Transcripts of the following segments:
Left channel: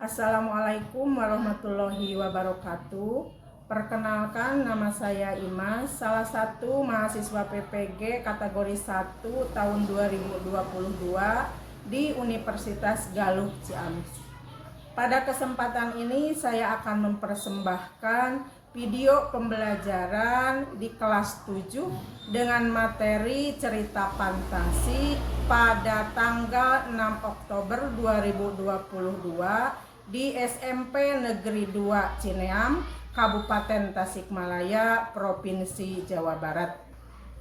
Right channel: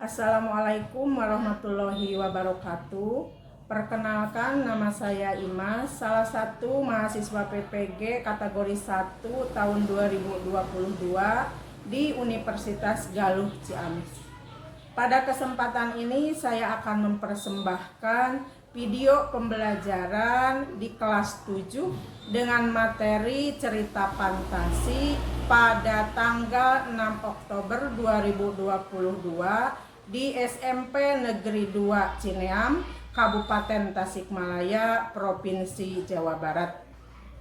Assalamualaikum warahmatullahi wabarakatuh. Perkenalkan, nama saya Imas, salah satu mahasiswa PPG kategori 1 tahun 2022 di Universitas Galuh Ciamis. Pada kesempatan ini saya akan mempersembahkan video pembelajaran di kelas 7 dengan materi cerita fantasi pada tanggal 6 Oktober 2022 di SMP Negeri 2 Cineam, Kabupaten Tasikmalaya, Provinsi Jawa Barat.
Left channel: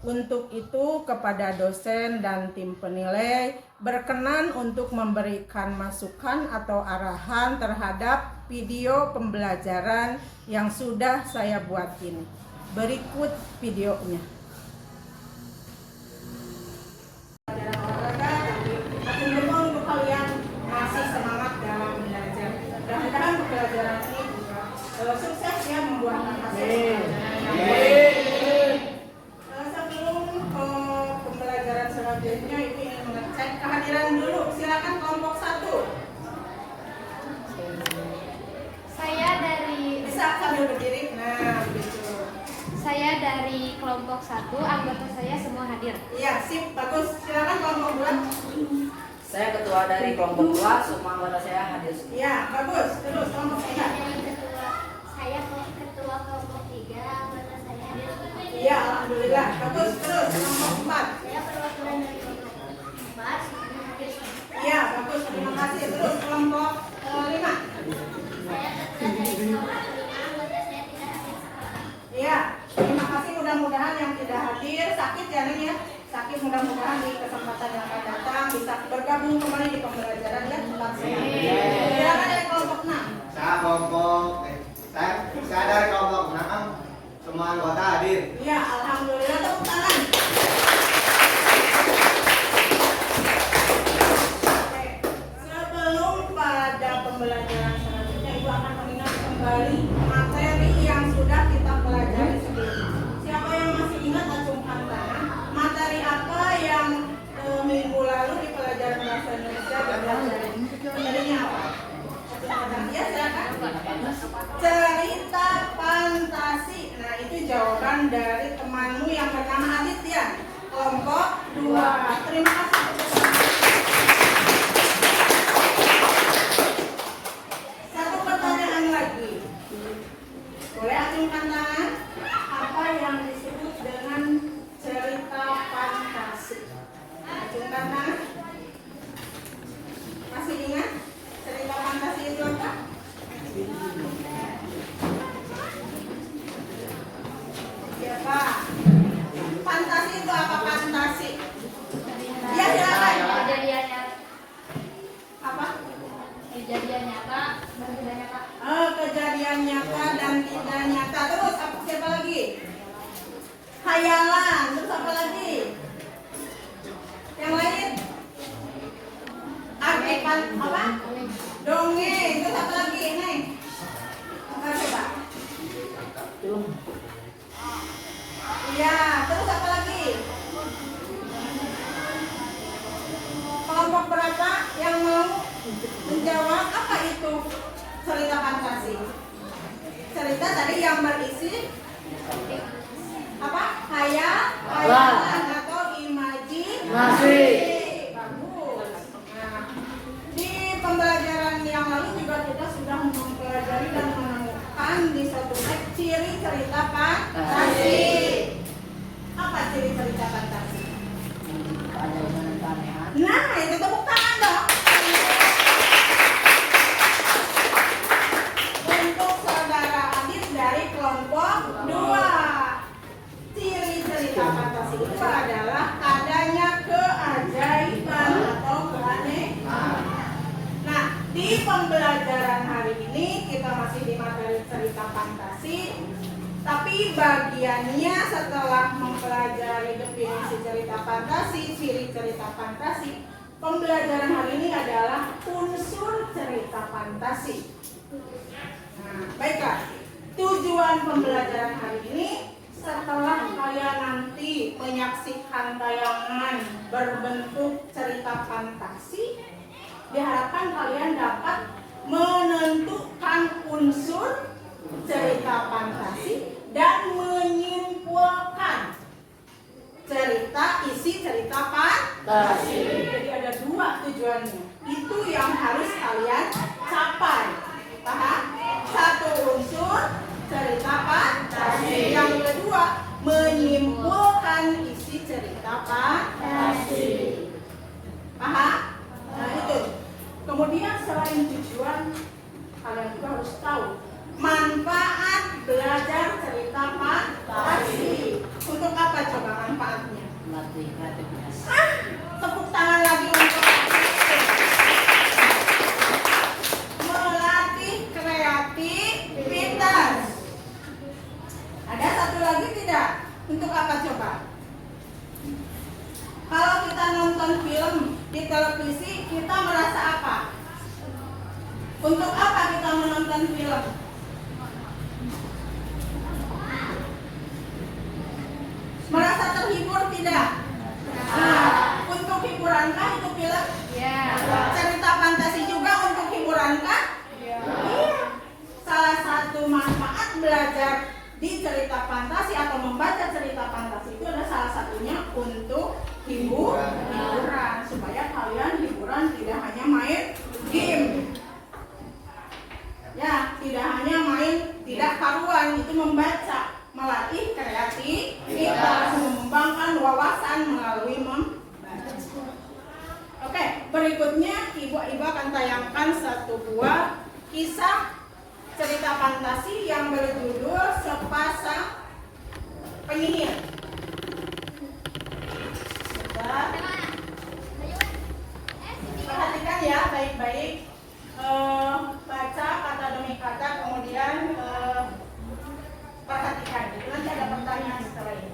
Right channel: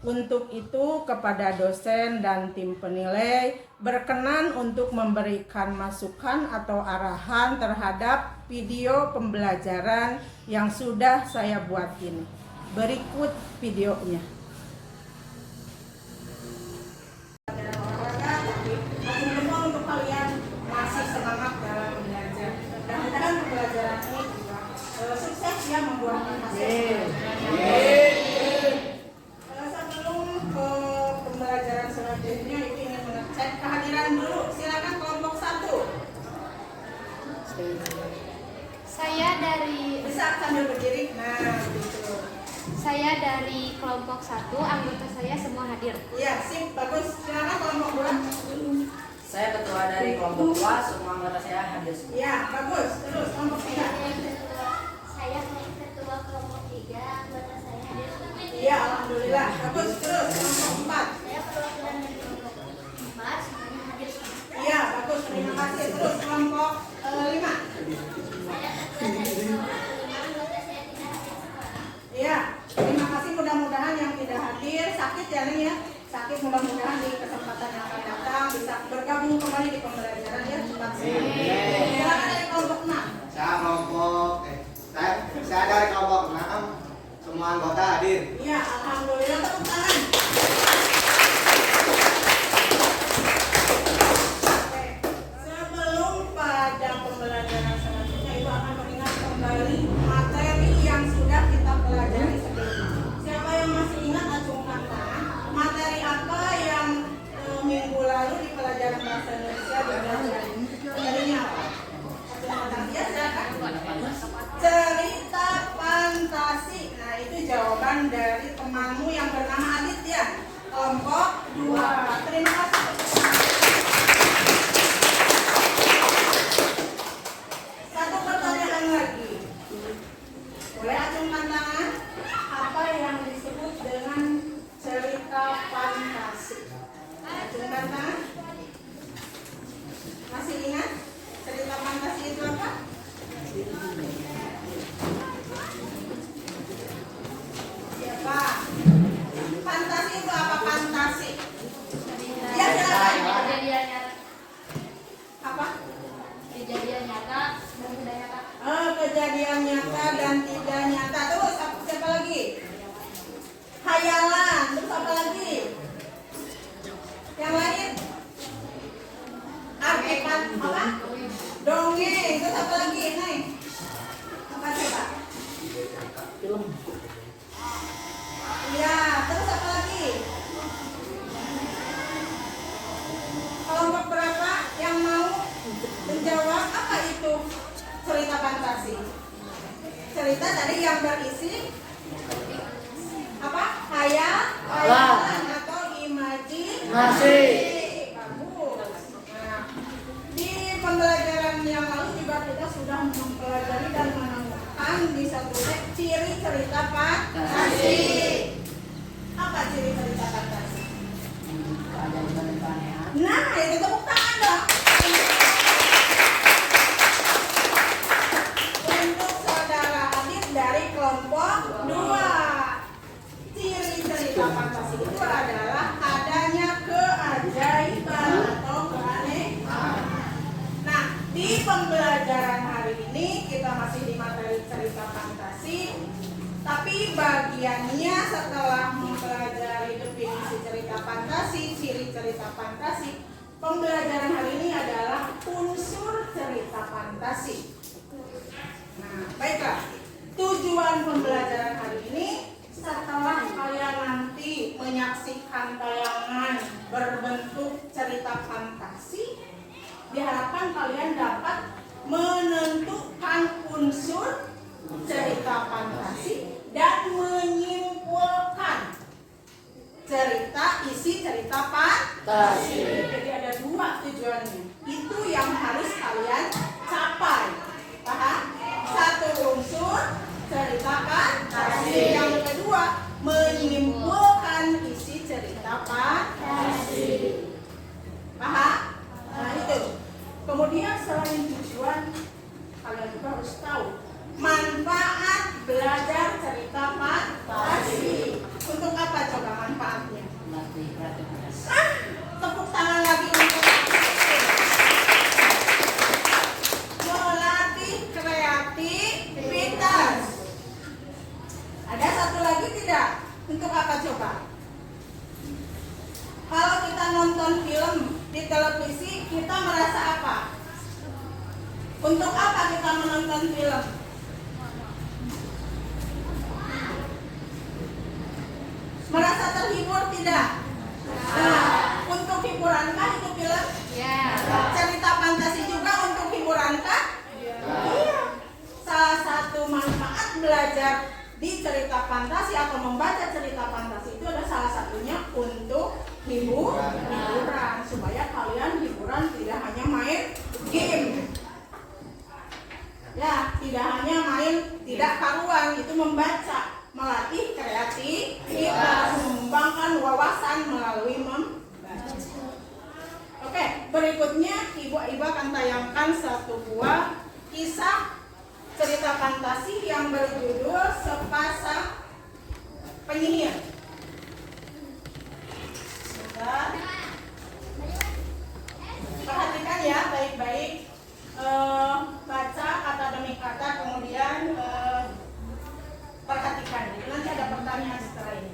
Untuk itu, kepada dosen dan tim penilai berkenan untuk memberikan masukan atau arahan terhadap video pembelajaran yang sudah saya buat ini. Berikut videonya. Untuk kalian masih semangat dalam belajar. Mudah-mudahan pembelajaran ini juga sukses ya, membuahkan hasil. Pembelajaran selanjutnya itu ingin mengecek kehadiran dulu. Silakan kelompok 1. Saya dari Bisa sambil berdiri. Nah, begitu. Saya dari kelompok 1, anggota saya semua hadir. Iya, sip, bagus. Silakan kelompok 2. Saya ketua dari kelompok 2, semua anggota saya hadir. Iya, bagus. Terus kelompok 3. Saya ketua kelompok 3, anggota saya hadir. Iya, alhamdulillah. Bagus. Terus kelompok 4. Saya perwakilan dari kelompok 4, semuanya hadir. Iya, bagus. Terima kasih. Terus kelompok 5. Saya ketua dari kelompok 5, anggota saya tidak hadir. Iya, terima kasih. Mudah-mudahan yang tidak hadir sakit ya nih ya. Sakit, mudah-mudahan di kesempatan yang akan datang bisa bergabung kembali di pembelajaran ya, cepat sembuh. Silakan dari kelompok 6. Saya dari kelompok 6, semua anggota hadir. Iya, alhamdulillah, tepuk tangan. Oke, sebelum pada pembelajaran selanjutnya itu akan mengingat kembali materi yang sudah kita pelajari sebelumnya. Siapa yang masih ingat acungkan tangan? Materi apa yang minggu lalu di pelajaran bahasa Indonesia dipelajari? Materinya apa? Ya, silakan. Cerita fantasi. Nah, itu jawaban dari temanmu yang bernama Aditya, kelompok 2. Terima kasih. Satu pertanyaan lagi. Boleh acungkan tangan? Apa yang disebut dengan cerita fantasi? Acungkan tangan. Masih ingat cerita fantasi itu apa? Siapa? Fantasi itu apa? Fantasi. Ya, silakan. Kejadian nyata, Apa? kejadian nyata dan tidak nyata. Kejadian nyata dan tidak nyata. Terus siapa lagi? Khayalan. Terus apa lagi? Yang lain? Artifan apa? Dongeng. Terus apa lagi? Neng? Apa coba? Iya. Terus apa lagi? Kelompok berapa yang mau menjawab apa itu cerita fantasi? Cerita tadi yang berisi apa? Khayalan atau imajinasi. Bagus. Nah, di pembelajaran yang lalu juga kita sudah mempelajari dan menemukan di satu set ciri cerita fantasi. Apa ciri cerita fantasi? Keajaiban dan keanehan. Nah, itu tepuk tangan dong. Untuk saudara Adit dari kelompok 2. Ciri cerita fantasi itu adalah adanya keajaiban atau keanehan. Nah, di pembelajaran hari ini kita masih di materi cerita fantasi. Tapi bagiannya setelah mempelajari definisi cerita fantasi, ciri cerita fantasi, pembelajaran hari ini adalah unsur cerita fantasi. Nah, baiklah. Tujuan pembelajaran hari ini, setelah kalian nanti menyaksikan tayangan berbentuk cerita fantasi, diharapkan kalian dapat unsur cerita fantasi dan menyimpulkan isi cerita fantasi. Jadi ada dua tujuannya. Itu yang harus kalian capai. Paham? Satu, unsur cerita fantasi. Yang kedua, menyimpulkan isi cerita fantasi. Paham? Nah itu. Kemudian selain tujuan, kalian juga harus tahu manfaat belajar cerita fantasi. Untuk apa coba manfaatnya? Melatih kreativitas. Tepuk tangan lagi untuk melatih kreativitas. Ada satu lagi tidak? Untuk apa coba? Kalau kita nonton film di televisi, kita merasa apa? Untuk apa kita menonton film? Merasa terhibur tidak? Nah, untuk hiburankah itu film? Cerita fantasi juga untuk hiburankah? Iya. Salah satu manfaat belajar di cerita fantasi atau membaca cerita fantasi itu ada salah satunya untuk hiburan, supaya kalian hiburan tidak hanya main game. Ya, tidak hanya main tidak karuan, itu membaca. Melatih kreativitas, mengembangkan wawasan melalui membaca. Oke, berikutnya Ibu akan tayangkan satu buah kisah cerita fantasi yang berjudul Sepasang Penyihir. Bentar. Perhatikan ya baik-baik. Baca kata demi kata, kemudian perhatikan. Nanti ada pertanyaan setelah ini.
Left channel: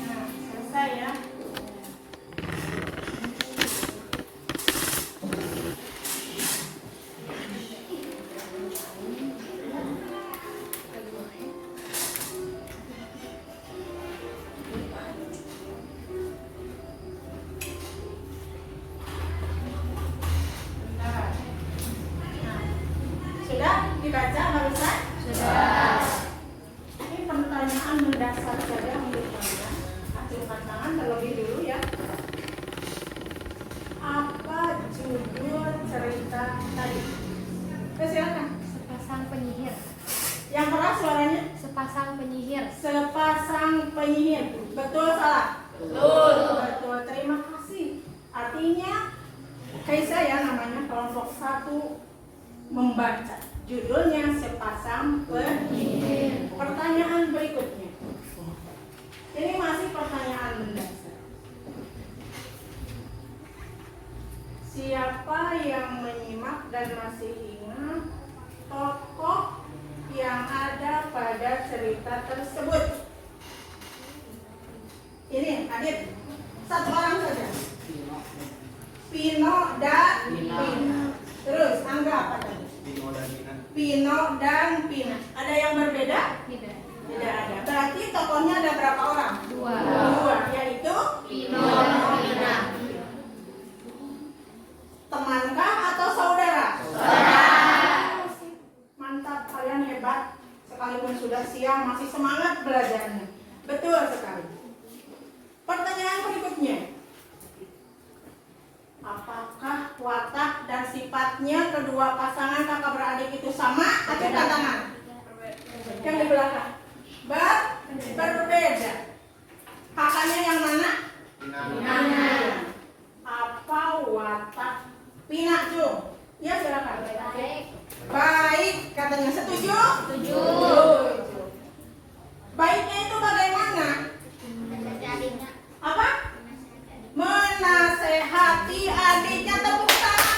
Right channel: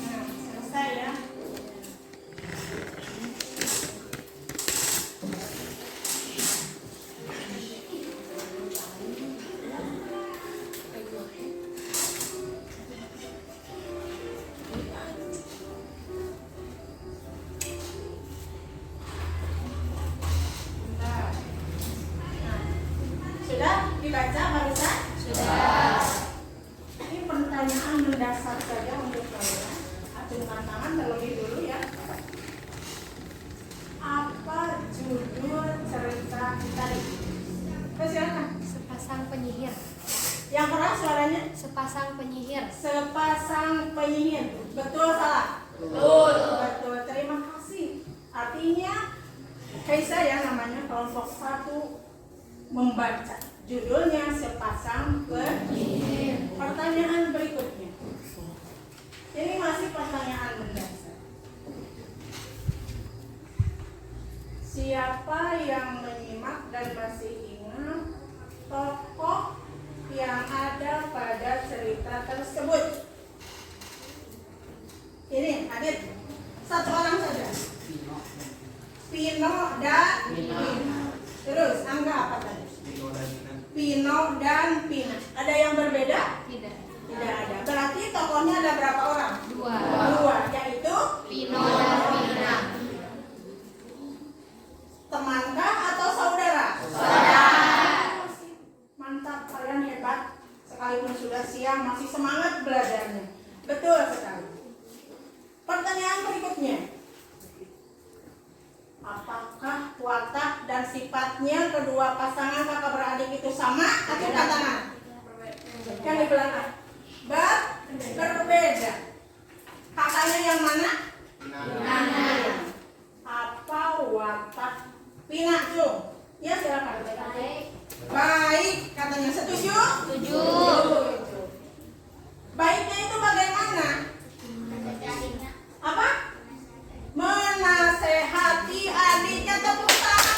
Nah, selesai ya. Bentar. Nah, sudah dibaca barusan? Sudah. Ini pertanyaan mendasar saja untuk kalian. Acungkan tangan terlebih dulu ya. Apa judul cerita tadi? Silakan. Sepasang penyihir. Yang keras suaranya. Sepasang penyihir. Sepasang penyihir. Betul salah? Betul. Betul. Terima kasih. Artinya Kaisa ya namanya kelompok 1 membaca. Judulnya Sepasang Penyihir. Pertanyaan berikutnya. Ini masih pertanyaan mendasar. Siapa yang menyimak dan masih ingat tokoh yang ada pada cerita tersebut? Ini Adit, satu orang saja. Pino dan Pina. Terus Angga apa tadi? Pino dan Pina. Ada yang berbeda? Tidak. Tidak ada. Berarti tokohnya ada berapa orang? Dua, yaitu Pino dan Pina. temankah atau saudara? Saudara. Mantap, kalian hebat. Sekalipun sudah siang masih semangat belajarnya. Betul sekali. Pertanyaan berikutnya. Apakah watak dan sifatnya kedua pasangan kakak beradik itu sama atau tangan? Yang di belakang. Berbeda. Kakaknya yang mana? Pina. Apa watak Pina tuh? Ya silakan. Baik. Baik, katanya setuju? Setuju. Baiknya itu bagaimana? Adiknya. Apa? Menasehati adiknya. Tepuk tangan.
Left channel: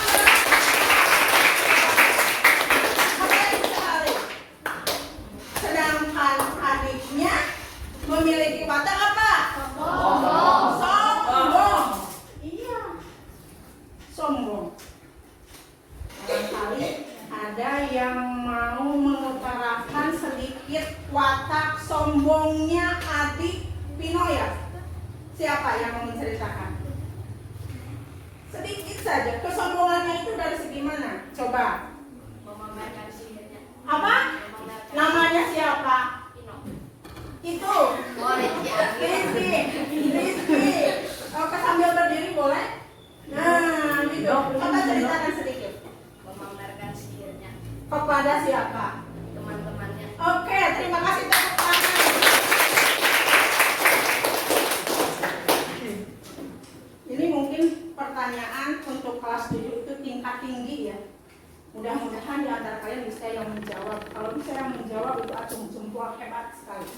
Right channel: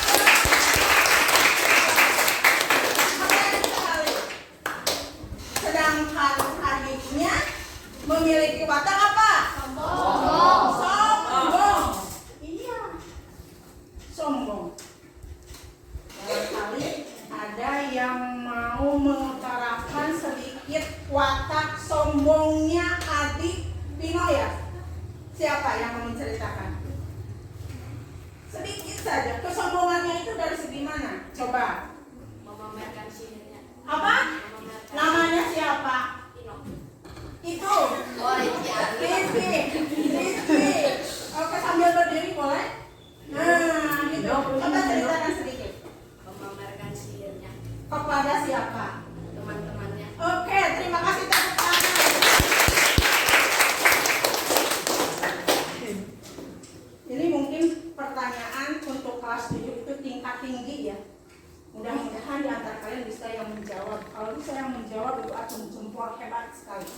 Keren sekali. Sedangkan adiknya memiliki watak apa? Sombong. Iya. Sombong. Barangkali ada yang mau mengutarakan sedikit watak sombongnya adik Pino ya? Siapa yang mau menceritakan? Sedikit saja. Kesombongannya itu dari segi mana? Coba. Memamerkan sihirnya. Apa? Namanya siapa? Itu. Rizky. Oke, sambil berdiri boleh? Nah, gitu. Coba ceritakan sedikit. Memamerkan sihirnya Kepada siapa? teman-temannya. Oke, terima kasih tepuk tangan. Ini mungkin pertanyaan untuk kelas 7 itu tingkat tinggi ya. Mudah-mudahan di antara kalian bisa yang menjawab. Kalau bisa yang menjawab itu acung jempol hebat sekali.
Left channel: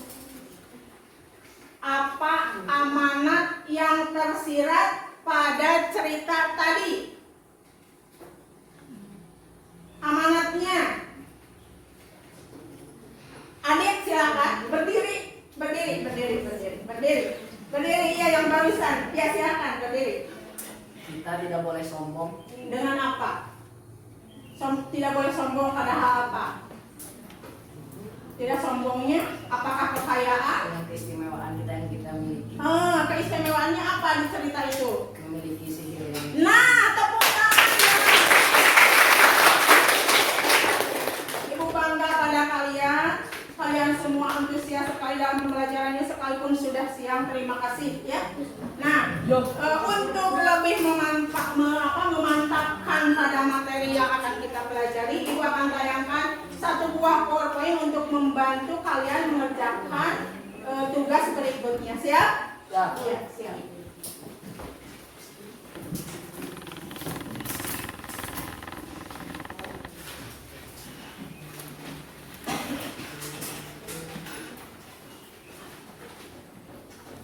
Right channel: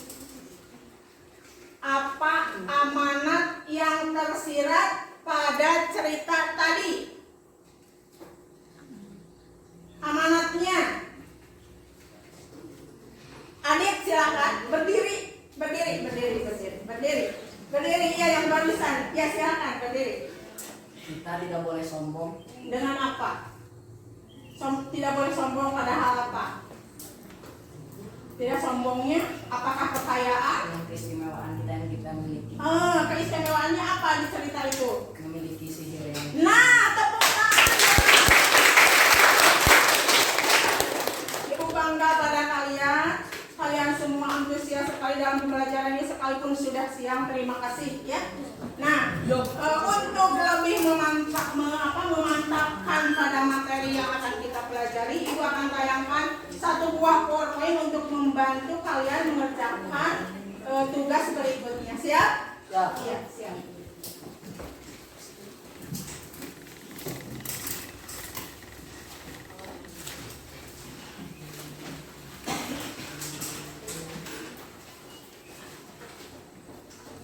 Apa amanat yang tersirat pada cerita tadi? Amanatnya. Adik silakan berdiri. Berdiri iya yang barusan. Ya silakan berdiri. Kita tidak boleh sombong. Dengan apa? Tidak boleh sombong pada hal apa? Tidak sombongnya apakah kekayaan? Dengan keistimewaan kita yang kita miliki. Keistimewaannya apa di cerita itu? Memiliki sihir yang Nah, tepuk tangan. Ibu bangga pada kalian. Kalian semua antusias sekali dalam pembelajarannya sekalipun sudah siang. Terima kasih ya. Nah, untuk lebih memantapkan pada materi yang akan kita pelajari, Ibu akan tayangkan untuk membantu kalian mengerjakan tugas berikutnya. Siap? Ya. Iya, siap.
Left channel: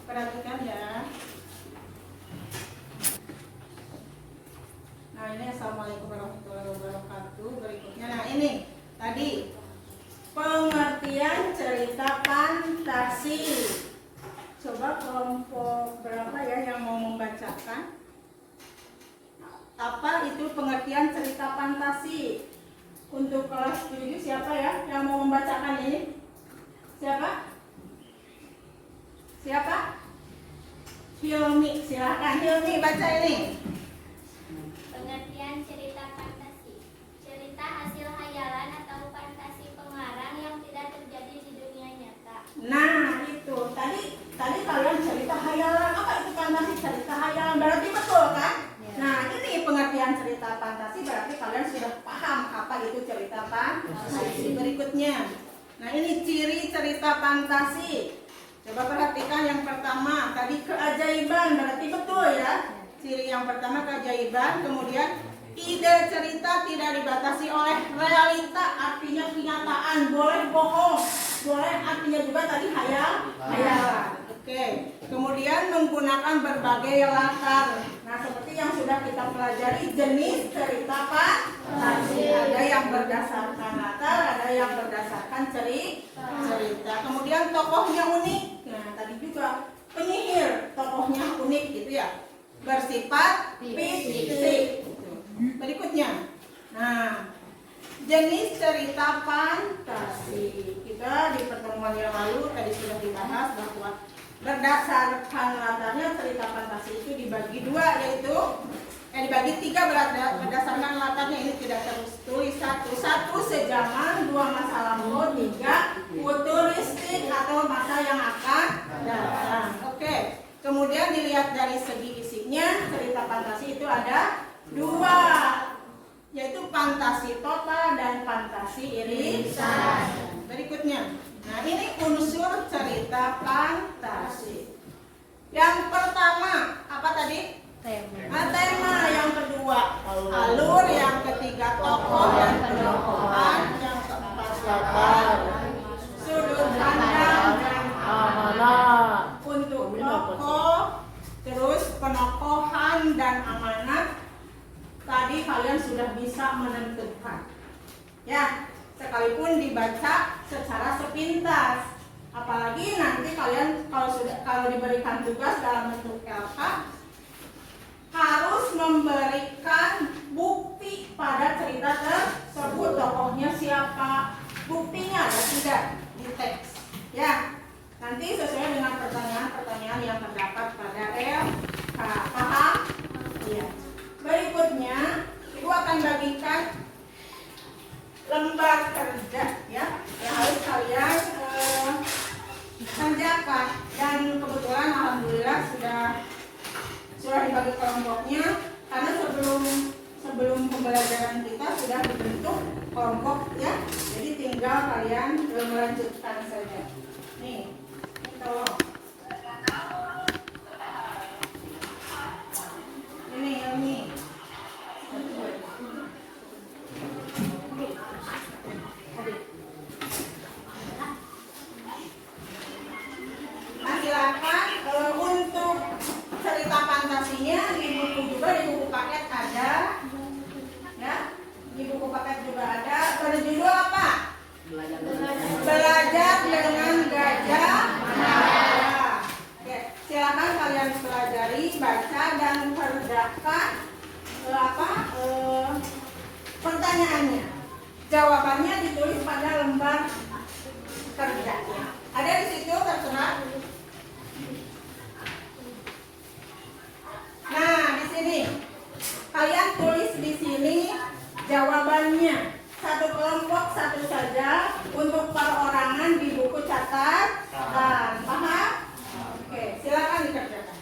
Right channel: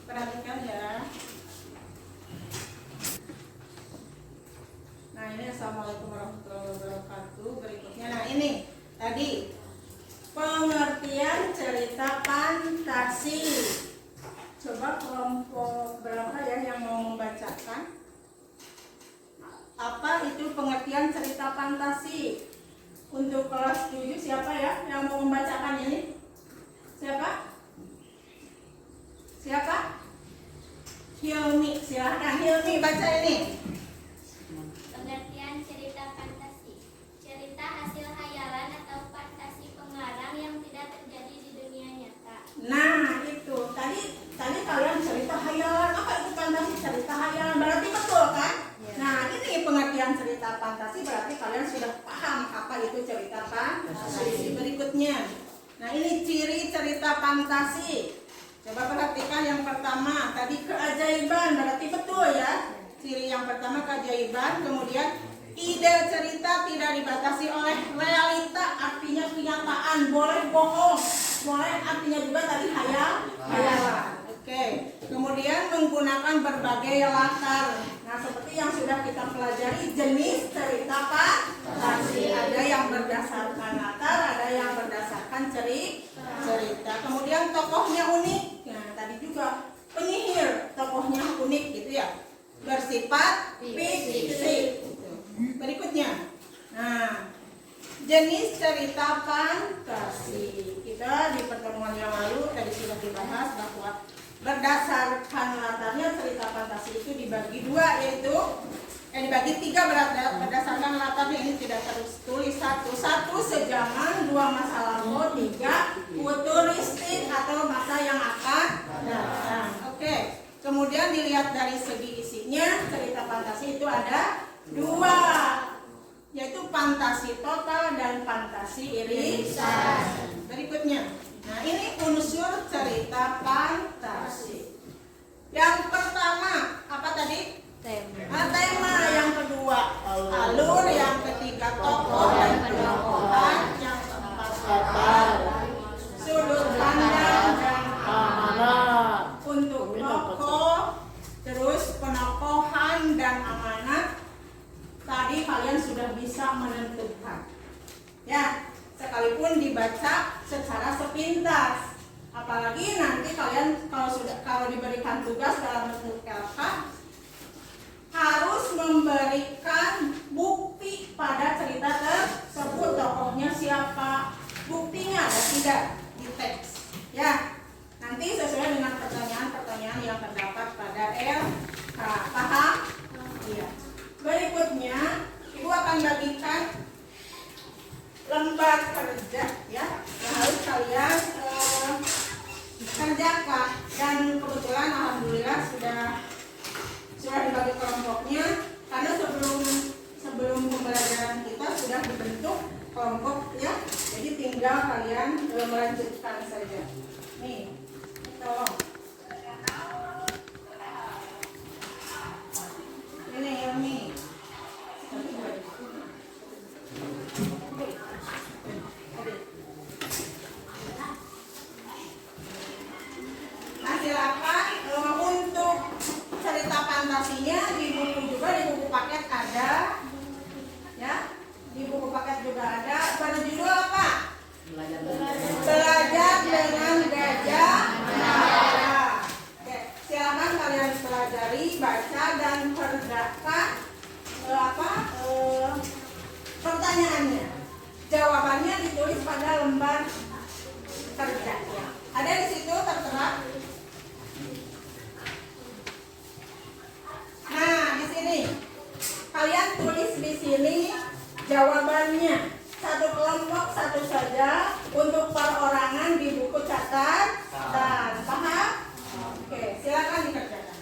Perhatikan ya. Nah ini assalamualaikum warahmatullahi wabarakatuh. Berikutnya, nah ini tadi pengertian cerita fantasi. Coba kelompok berapa ya yang mau membacakan? Apa itu pengertian cerita fantasi? Untuk kelas 7 siapa ya yang mau membacakan ini? Siapa? Siapa? Hilmi, silahkan Hilmi baca ini. Pengertian cerita fantasi. Cerita hasil hayalan atau fantasi pengarang yang tidak terjadi di dunia nyata. Nah itu tadi kalian cerita hayalan, apa itu fantasi? Cerita hayalan berarti betul kan? Nah ini pengertian cerita fantasi, berarti kalian sudah paham apa itu cerita fantasi. Berikutnya, nah ini ciri cerita fantasi. Coba perhatikan yang pertama, tadi keajaiban, berarti betul ya. Ciri yang pertama keajaiban, kemudian ide cerita tidak dibatasi oleh realita, artinya kenyataan, boleh bohong, boleh artinya juga tadi hayalan. Oke. Kemudian menggunakan berbagai latar. Nah, seperti yang sudah kita pelajari, jenis cerita fantasi, ada yang berdasarkan latar, ada yang berdasarkan cerita. Kemudian tokohnya unik. Nah, tadi juga penyihir, tokohnya unik gitu ya. Bersifat fiksi. Berikutnya, nah jenis cerita fantasi. Kita di pertemuan yang lalu tadi sudah dibahas bahwa berdasarkan latarnya cerita fantasi itu dibagi dua, yaitu dibagi tiga berdasarkan latarnya. Ini tidak tertulis satu sejaman, dua masa lampau, tiga futuristik atau masa yang akan datang. Oke. Kemudian dilihat dari segi isinya, cerita fantasi itu ada dua, yaitu fantasi total dan fantasi irisan. Berikutnya, nah ini unsur cerita fantasi. Yang pertama apa tadi? Tema. Yang kedua alur, yang ketiga tokoh dan pendokohan, yang keempat latar, sudut pandang dan amanat. Untuk tokoh, terus penokohan dan amanat, tadi kalian sudah bisa menentukan ya, sekalipun dibaca secara sepintas. Apalagi nanti kalian kalau diberikan tugas dalam bentuk LK, harus memberikan bukti pada cerita tersebut. Tokohnya siapa, buktinya ada tidak di teks ya. Nanti sesuai dengan pertanyaan-pertanyaan yang terdapat pada LK. Paham? Iya. Berikutnya, Ibu akan bagikan lembar kerja ya, yang harus kalian kerjakan. Dan kebetulan alhamdulillah sudah dibagi kelompoknya, karena sebelum pembelajaran kita sudah dibentuk kelompok ya. Jadi tinggal kalian melanjutkan saja. Nih, tolong. Ini. Nah, silakan untuk cerita fantasinya di buku juga, di buku paket ada, ya, di buku paket juga ada. Pada judul apa? Belajar dengan gajah. Oke, silakan kalian pelajari, baca dan kerjakan pertanyaannya. Jawabannya ditulis pada lembar kerja ya. Ada di situ tertera. Nah, di sini kalian tulis di sini jawabannya. Satu kelompok satu saja, untuk perorangan di buku catatan. Paham? Oke, silakan dikerjakan.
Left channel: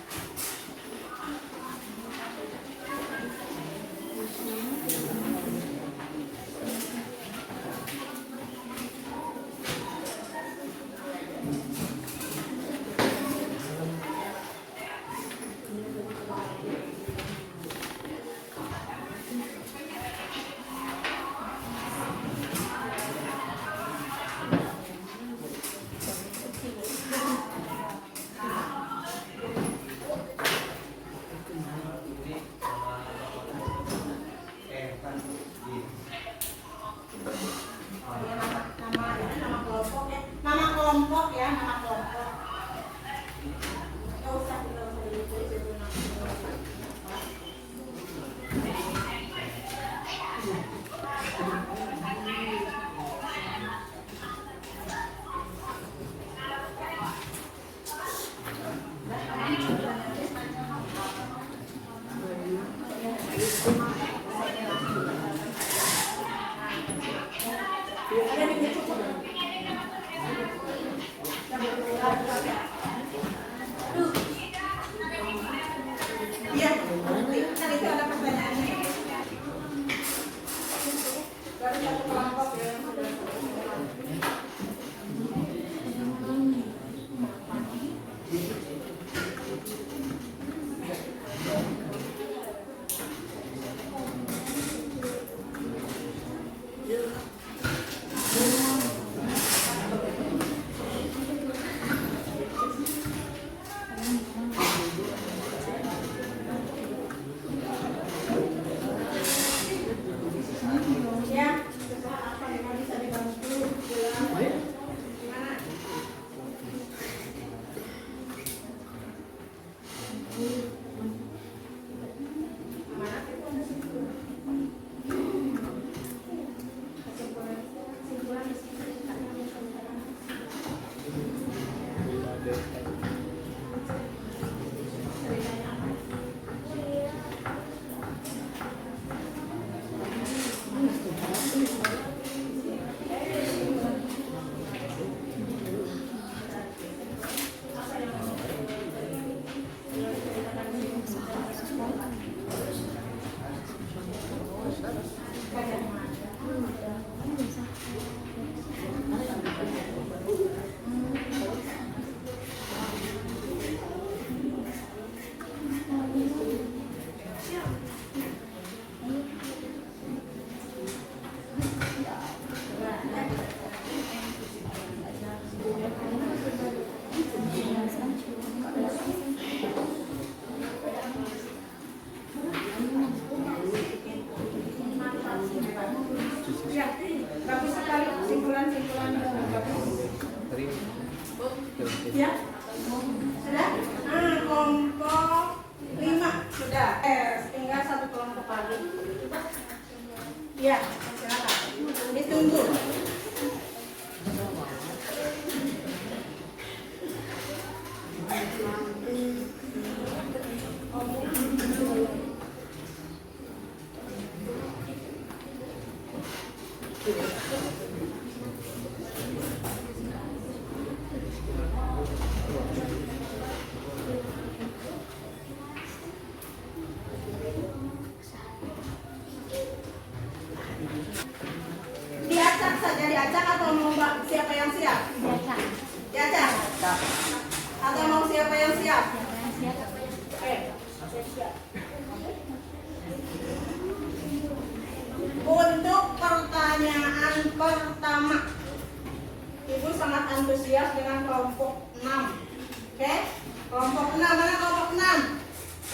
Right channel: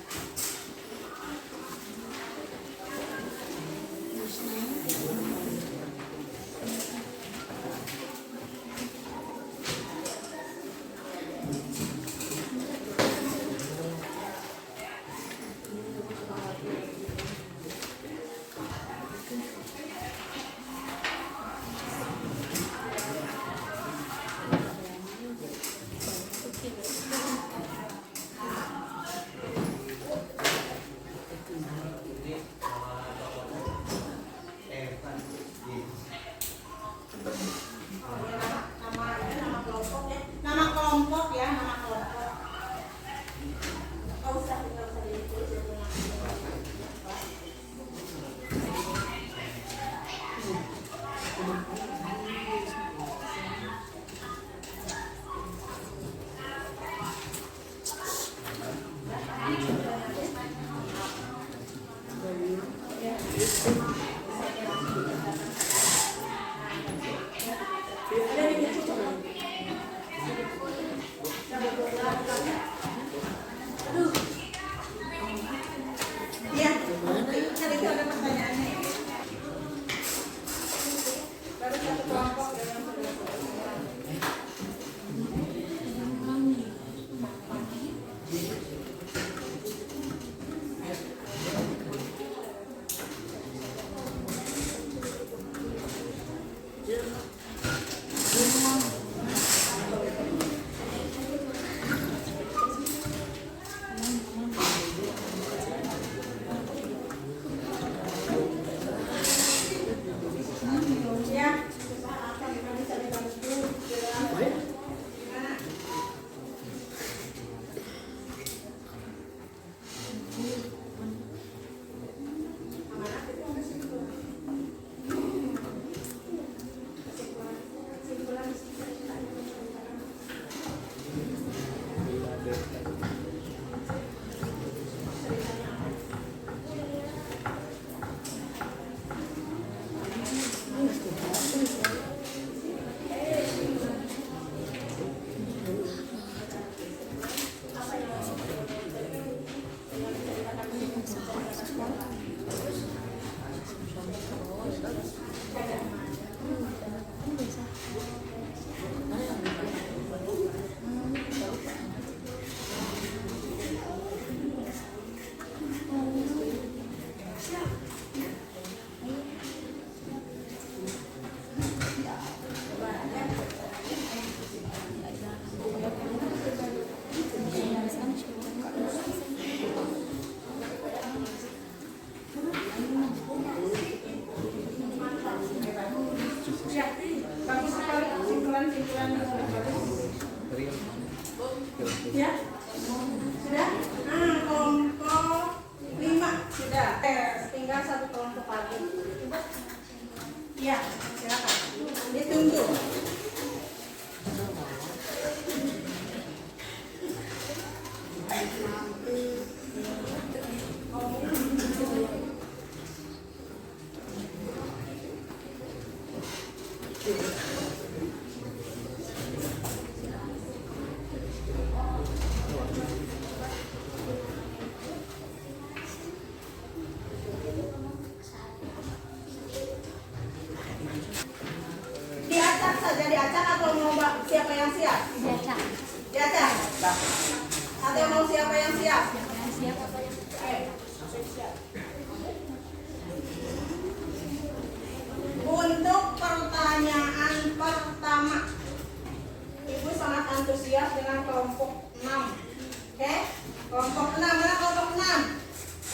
Ya, bagus sekali simpulan-simpulan. Ya, sudah? Kelompok 5 sudah. Tinggal satu kelompok lagi. Ya, silakan. Ditunggu. Diacak saja, diacak atau mau siapa yang siap? Diacak. Atau mau siapa yang siap? Oke. Untuk pertanyaan pertama, Ibu sangat antusias dengan kelompok 6. Oke? Kelompok 6, mana kelompok 6?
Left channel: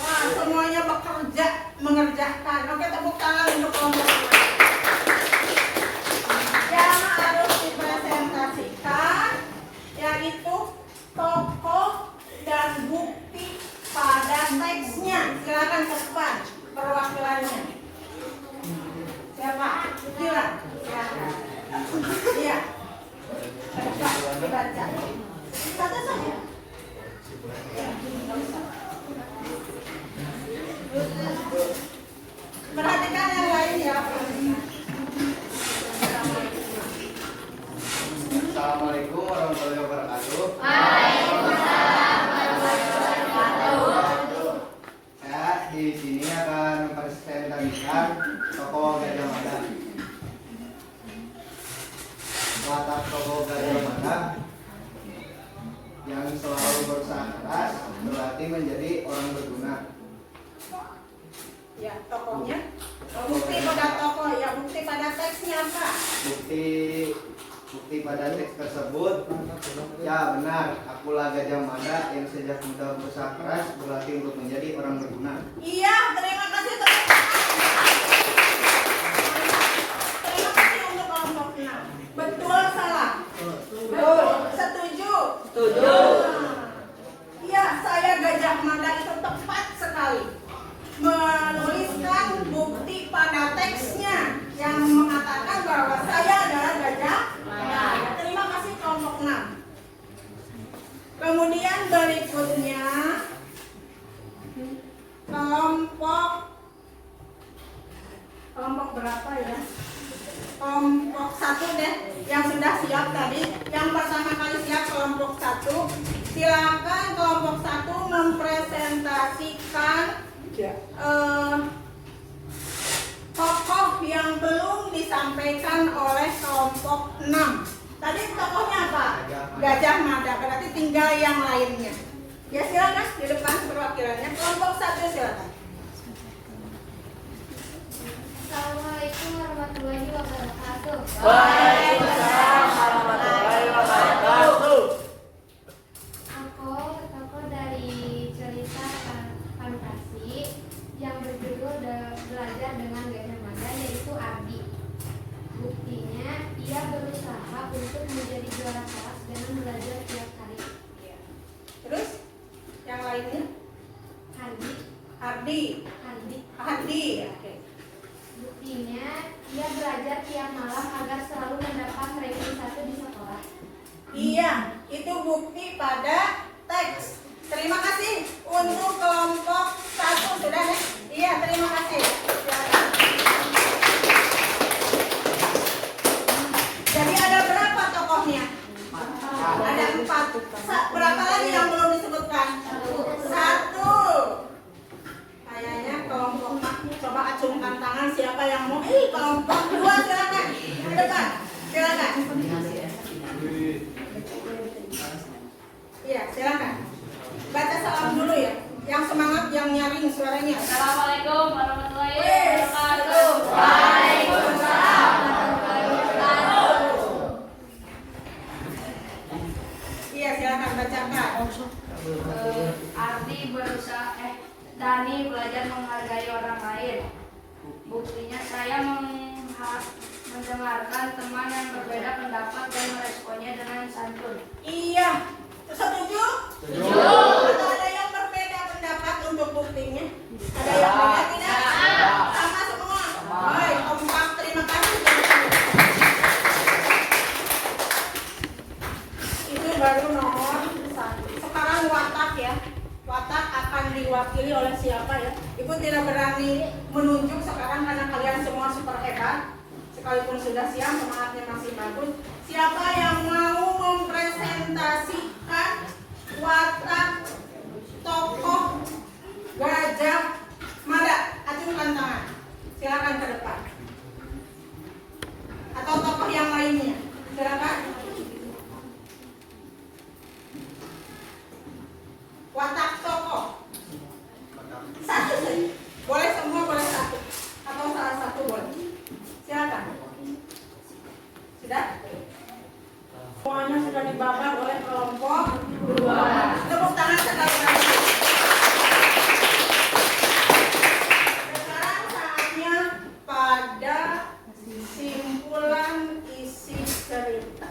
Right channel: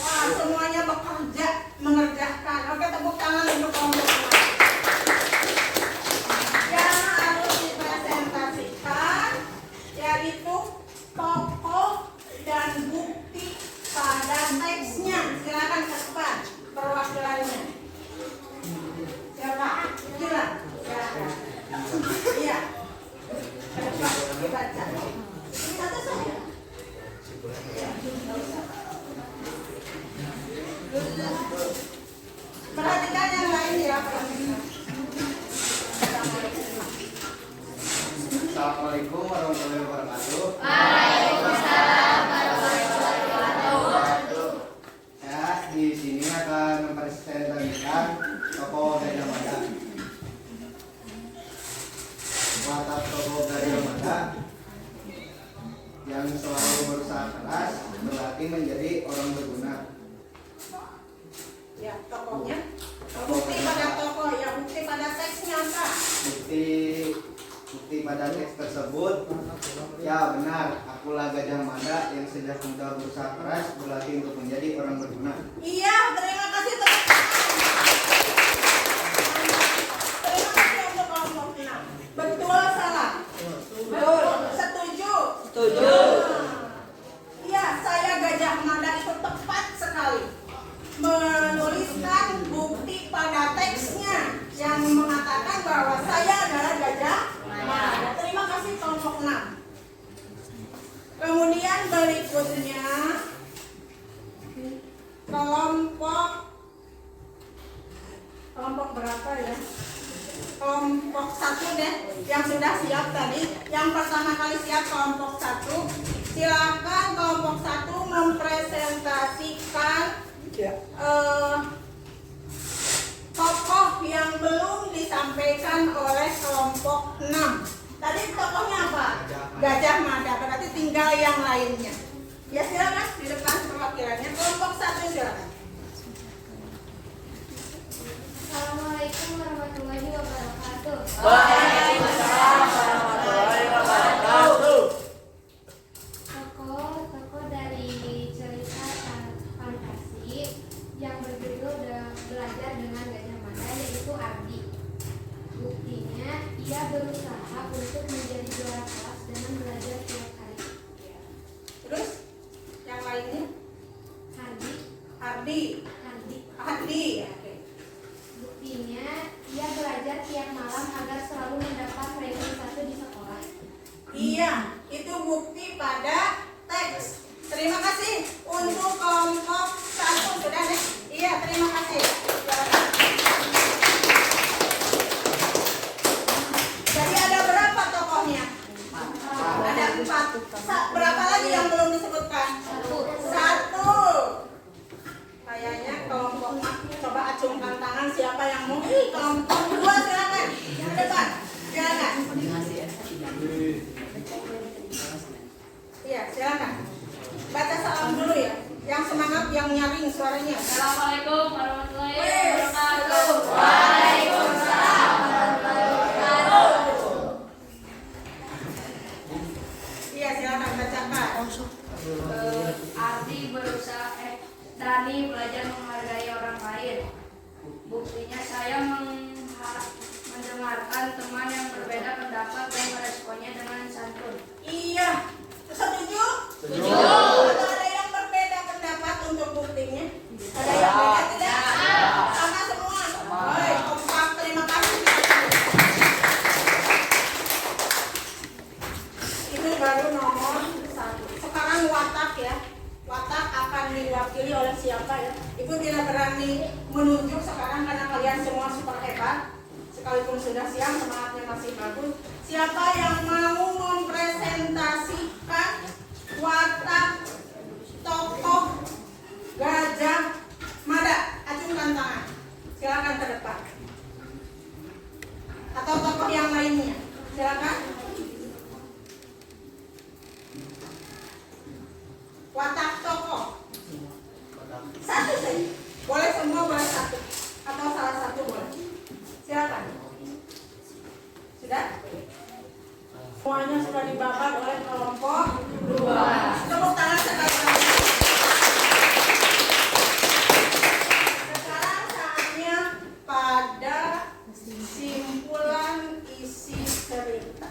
Wah, semuanya bekerja, mengerjakan. Oke, tepuk tangan untuk kelompok 6. Yang harus dipresentasikan yaitu tokoh dan bukti pada teksnya. Silakan ke depan perwakilannya. Siapa? Silakan. Iya. Baca. Satu saja. Perhatikan yang lain ya. Assalamualaikum warahmatullahi wabarakatuh. Saya di sini akan mempresentasikan tokoh Gajah Mada. Watak tokoh Gajah Mada yang selalu berusaha keras berarti menjadi orang berguna. Ya, tokohnya. Bukti pada tokoh, ya bukti pada teksnya apa? Bukti pada teks tersebut, ya benar, akulah Gajah Mada yang sejak muda berusaha keras berlatih untuk menjadi orang berguna. Iya, terima kasih tepuk tangan. Terima kasih untuk kelompok 6. Betul salah? Betul. Setuju? Setuju. Iya, saya Gajah Mada itu tepat sekali menuliskan bukti pada teksnya yang mengatakan bahwa saya adalah Gajah Mada. Terima kasih kelompok 6. Kemudian berikutnya kelompok berapa ya? Kelompok 1 deh yang sudah siap tadi. Yang pertama kali siap kelompok 1. Silakan kelompok 1 mempresentasikan tokoh yang belum disampaikan oleh kelompok 6. Tadi tokohnya apa? Gajah Mada, berarti tinggal yang lainnya. Ya silakan di depan perwakilannya. Kelompok 1 silakan. Assalamualaikum warahmatullahi wabarakatuh. Waalaikumsalam warahmatullahi wabarakatuh. Tokoh dari cerita fantasi yang berjudul Belajar dengan Gajah Mada yaitu Ardi. Buktinya ia berusaha untuk menjadi juara kelas dengan belajar tiap hari. Terus yang lainnya? Ardi. Oke. Buktinya ia belajar tiap malam agar selalu mendapat ranking 1 di sekolah. Iya, itu bukti pada teks. Terima kasih untuk kelompok 1 sudah ya? Iya, terima kasih. Silakan. Jadi ada berapa tokohnya? Ada 4. Berapa lagi yang belum disebutkan? 1. Kayaknya kelompok Coba acungkan tangan siapa yang mau. Kelompok 2 silakan. Ke depan. Silakan. Iya, silakan. Baca salam dulu ya. Yang semangat, yang nyaring suaranya. Assalamualaikum warahmatullahi Wes, wabarakatuh. Waalaikumsalam warahmatullahi wabarakatuh. Iya, silakan bacakan. Arti berusaha Dani belajar menghargai orang lain. Buktinya saya mendengarkan teman yang berbeda pendapat dan meresponnya dengan santun. Iya. Setuju? Setuju. Atau ada yang berbeda pendapat untuk buktinya? Ada yang beda tidak? Sama semua. Baik, kompak. Terima kasih. Itu baru nomor 1. Sekarang watak ya. Watak akan diwakili oleh siapa ya? Ibu tidak berani menunjuk sekarang karena kalian semua super hebat. Sekalipun sudah siang, semangatnya masih bagus. Siapa yang mau mempresentasikan watak tokoh Gajah Mada? Acungkan tangan. Silakan ke depan. Atau tokoh yang lainnya. Silakan. Watak tokoh. Satu saja. Boleh semua, boleh satu. Atau salah satu boleh. Silakan. Sudah? Semuanya sudah dibakar oleh kelompok 2. Tepuk tangan sekali lagi. Sekarang saatnya pada simpulan isi cerita.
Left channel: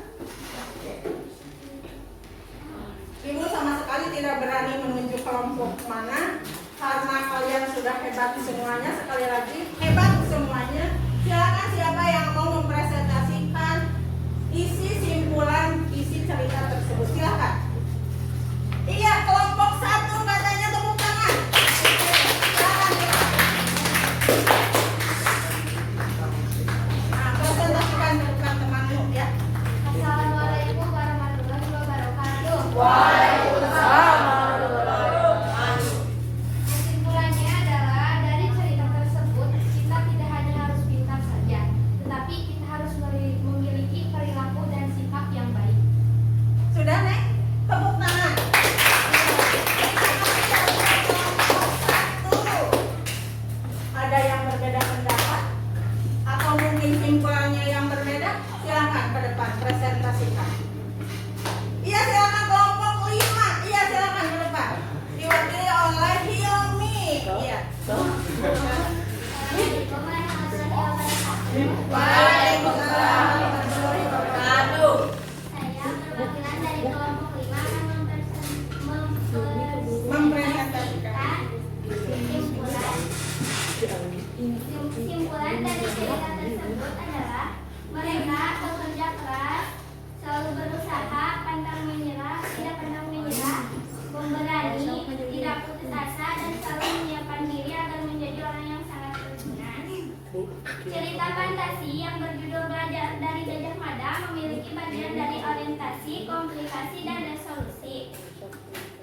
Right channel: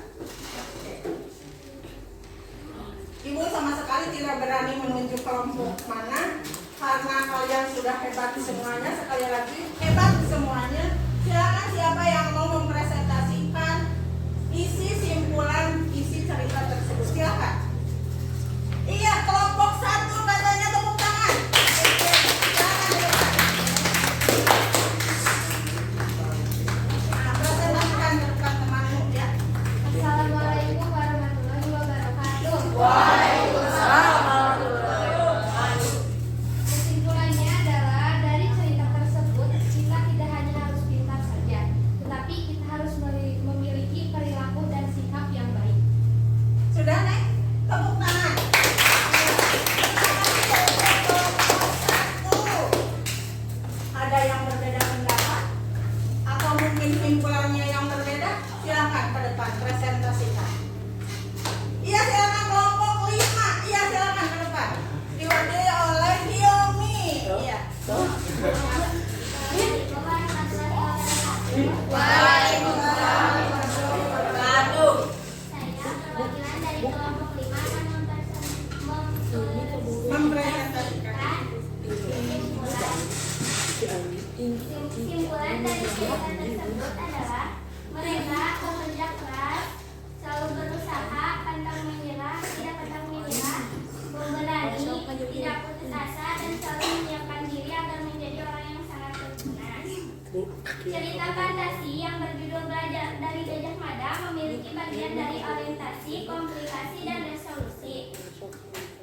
Ibu sama sekali tidak berani menunjuk kelompok mana karena kalian sudah hebat semuanya. Sekali lagi, hebat semuanya. Silakan siapa yang mau mempresentasikan isi simpulan isi cerita tersebut. Silakan. Iya, kelompok 1 katanya, tepuk tangan. Silakan. Nah, presentasikan ke depan temanmu ya. Assalamualaikum warahmatullahi wabarakatuh. Waalaikumsalam warahmatullahi wabarakatuh. Kesimpulannya adalah dari cerita tersebut kita tidak hanya harus pintar saja, tetapi kita harus memiliki perilaku dan sikap yang baik. Sudah, Nek? Tepuk tangan. Terima kasih ya, kelompok 1. Ada yang berbeda pendapat? Atau mungkin simpulannya yang berbeda? Silakan ke depan, presentasikan. Iya, silakan kelompok 5. Iya, silakan ke depan. Diwakili oleh Hiomi. Iya. Waalaikumsalam warahmatullahi wabarakatuh. Saya perwakilan dari kelompok 5 akan Mempresentasikan. Simpulan dari cerita tersebut adalah mereka bekerja keras, selalu berusaha, pantang menyerah, tidak pantang menyerah, pemberani, tidak putus asa, dan selalu menyiapkan diri agar menjadi orang yang sangat berguna. Cerita fantasi yang berjudul Belajar dari Gajah Mada memiliki bagian dari orientasi, komplikasi, dan resolusi.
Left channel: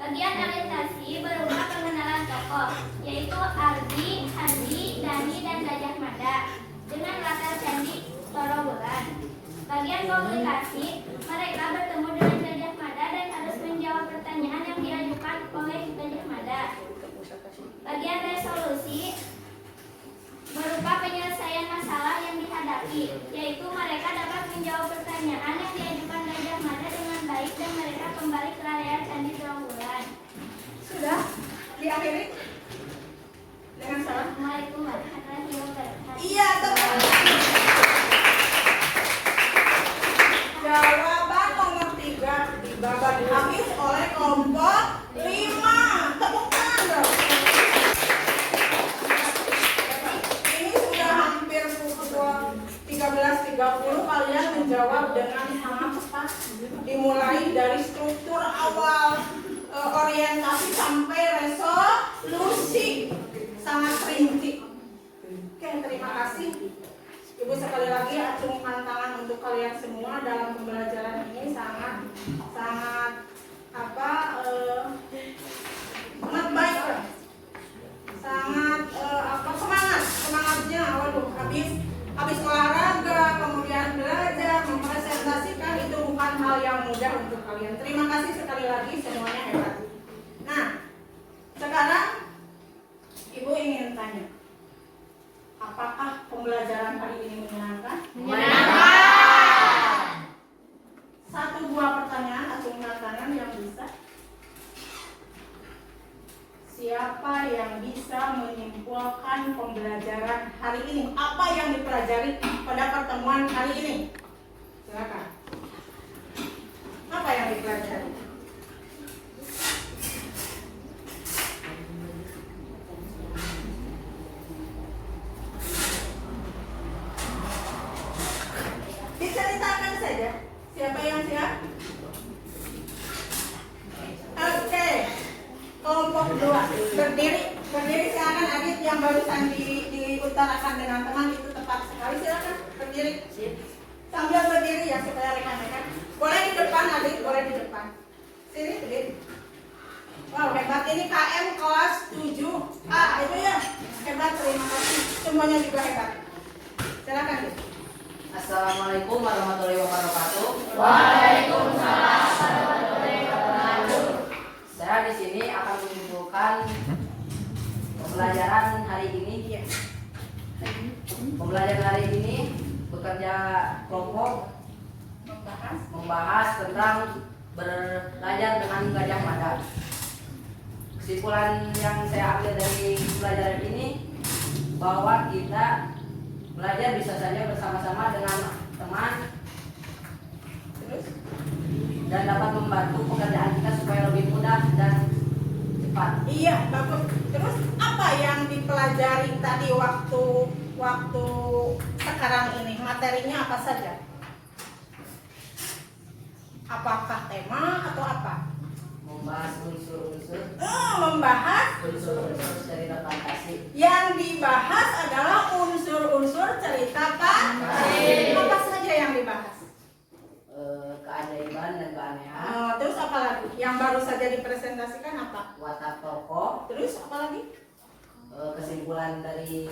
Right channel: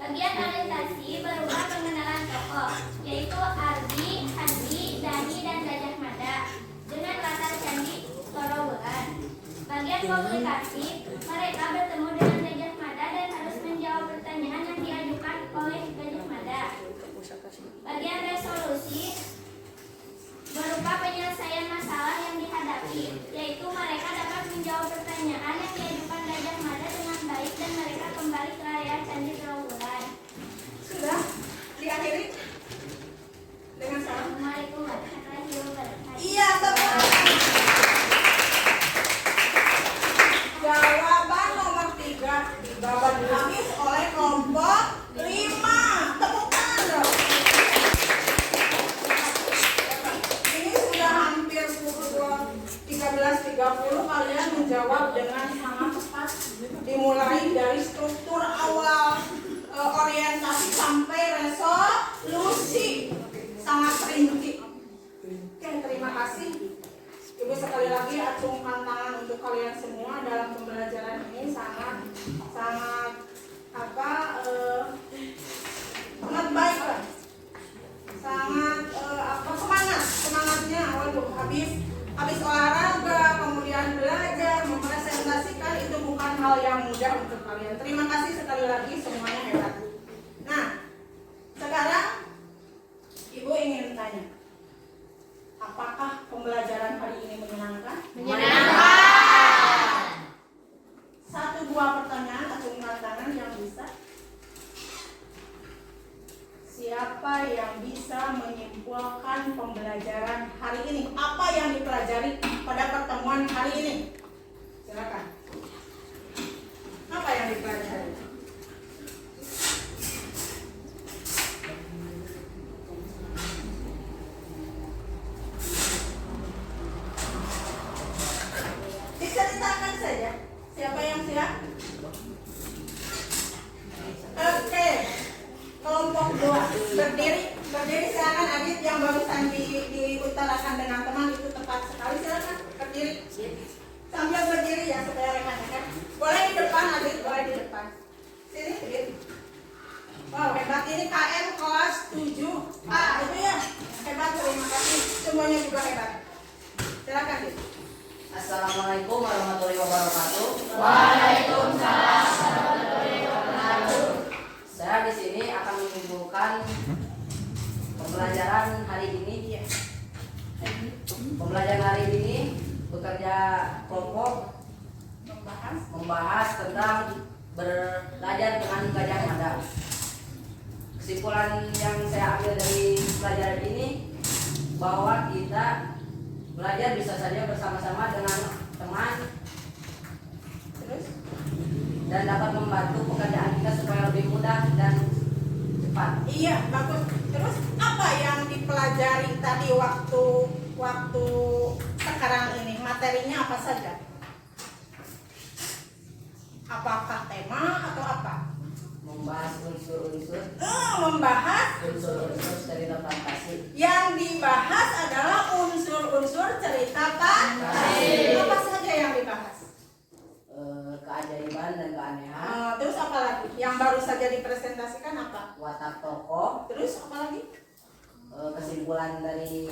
Bagian orientasi berupa pengenalan tokoh, yaitu Ardi, Handi, Dani, dan Gajah Mada dengan latar candi Torobolan. Bagian komplikasi, mereka bertemu dengan Gajah Mada dan harus menjawab pertanyaan yang diajukan oleh Gajah Mada. Bagian resolusi berupa penyelesaian masalah yang dihadapi, yaitu mereka dapat menjawab pertanyaan yang diajukan Gajah Mada dengan baik dan mereka kembali ke area Candi Trawulan. Sudah? Diakhiri? Dengan salam. Assalamualaikum warahmatullahi wabarakatuh. Iya, tepuk tangan. Jawaban nomor 3 dibabat habis oleh kelompok 5. Tepuk tangan dong. Ini sudah hampir pukul 13.30. Kalian menjawab dengan sangat cepat. Dimulai dari struktur awal, orientasi sampai resolusi. Sangat rinci. Oke, terima kasih. Ibu sekali lagi acungkan tangan untuk kalian semua dalam pembelajaran ini sangat sangat baik lah. Sangat semangat habis olahraga, kemudian belajar, mempresentasikan itu bukan hal yang mudah untuk kalian. Terima kasih sekali lagi, semuanya hebat. Nah, sekarang Ibu ingin tanya, apakah pembelajaran hari ini menyenangkan? Menyenangkan. 1-2 pertanyaan, acungkan tangan yang bisa. Siapa yang bisa menyimpulkan pembelajaran hari ini? Apa yang dipelajari pada pertemuan hari ini? Silakan. Apa yang dipelajari? Diceritakan saja. Siapa yang siap? Oke. Kelompok 2 berdiri silakan. Adit yang barusan diutarakan dengan teman itu tepat sekali, silakan berdiri sambil berdiri ya supaya rekan-rekan. Boleh di depan Adit, boleh di depan. Sini berdiri. Wow, hebat, ini KM kelas 7A itu ya, hebat, terima kasih, semuanya juga hebat. Silakan Adit. Assalamualaikum warahmatullahi wabarakatuh. Waalaikumsalam warahmatullahi wabarakatuh. Saya di sini akan menyimpulkan pembelajaran hari ini. Pembelajaran hari ini bekerja kelompok membahas tentang belajar dengan Gajah Mada. Kesimpulan yang saya ambil dari pelajaran ini bahwa kita belajar bisa saja bersama-sama dengan teman dan dapat membantu pekerjaan kita supaya lebih mudah dan cepat. Iya, bagus. Terus apa yang dipelajari tadi waktu sekarang ini? Materinya apa saja? Apakah tema atau apa? Membahas unsur-unsur Membahas. unsur-unsur cerita fantasi. Yang dibahas adalah unsur-unsur cerita fantasi. Apa saja yang dibahas? Keajaiban dan keanehan. Terus apa lagi? Yang baru saja dipresentasikan apa? Watak tokoh. Terus apa lagi? Kesimpulan dari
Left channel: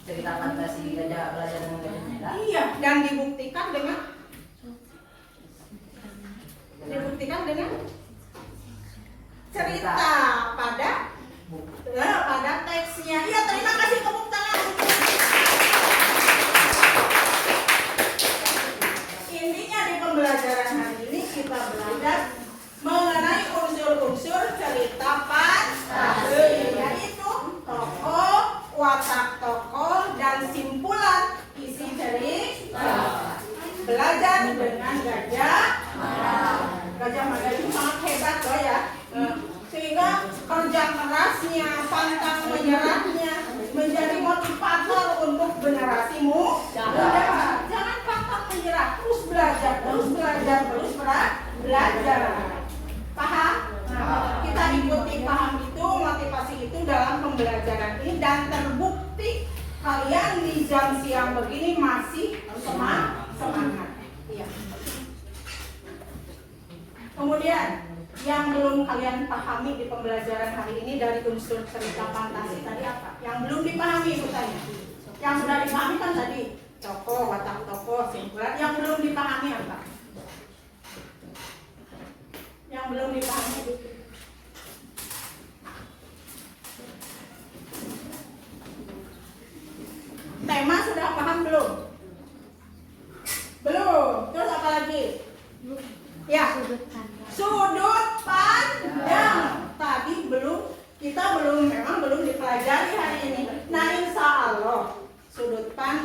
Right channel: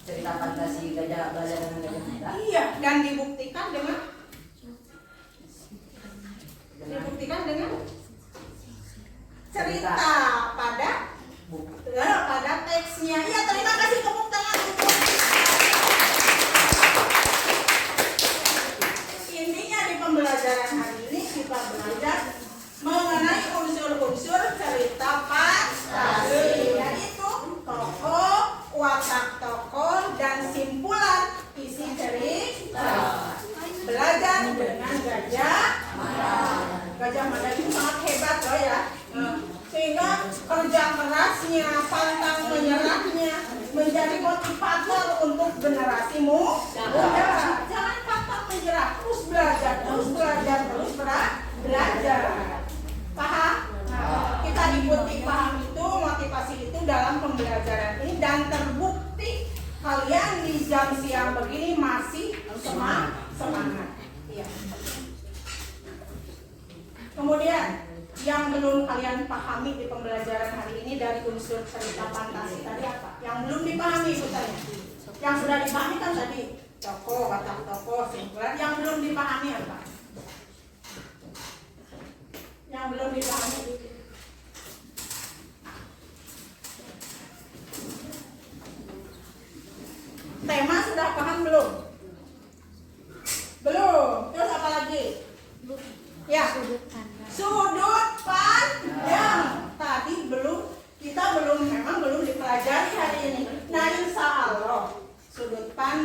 cerita fantasi belajar dengan Gajah Mada. Iya, dan dibuktikan dengan cerita pada teksnya. Iya, terima kasih, tepuk tangan untuk intinya di pembelajaran hari ini kita belajar mengenai unsur-unsur cerita fantasi, yaitu tokoh, watak tokoh, dan simpulan isi cerita. Belajar dengan Gajah Mada itu sangat hebat loh ya. Sehingga kerja kerasnya, pantang menyerahnya menjadi motivator untuk generasi muda. Jangan pantang menyerah, terus belajar, belajar. Paham? Kita ikuti paham itu, motivasi itu dalam pembelajaran ini, dan terbukti kalian di jam siang begini masih semangat. Iya. Kemudian yang belum kalian pahami di pembelajaran hari ini dari unsur cerita fantasi tadi apa? Yang belum dipahami Ibu tanya. Yang sudah dipahami kan tadi tokoh, watak tokoh, simpulan. Yang belum dipahami apa? Yang belum dipahami. Tema sudah paham belum? Belum. Terus apa lagi? Ya. Sudut pandang. Tadi kita memang belum dipelajari hari ini. Nah, insya Allah sudut pandang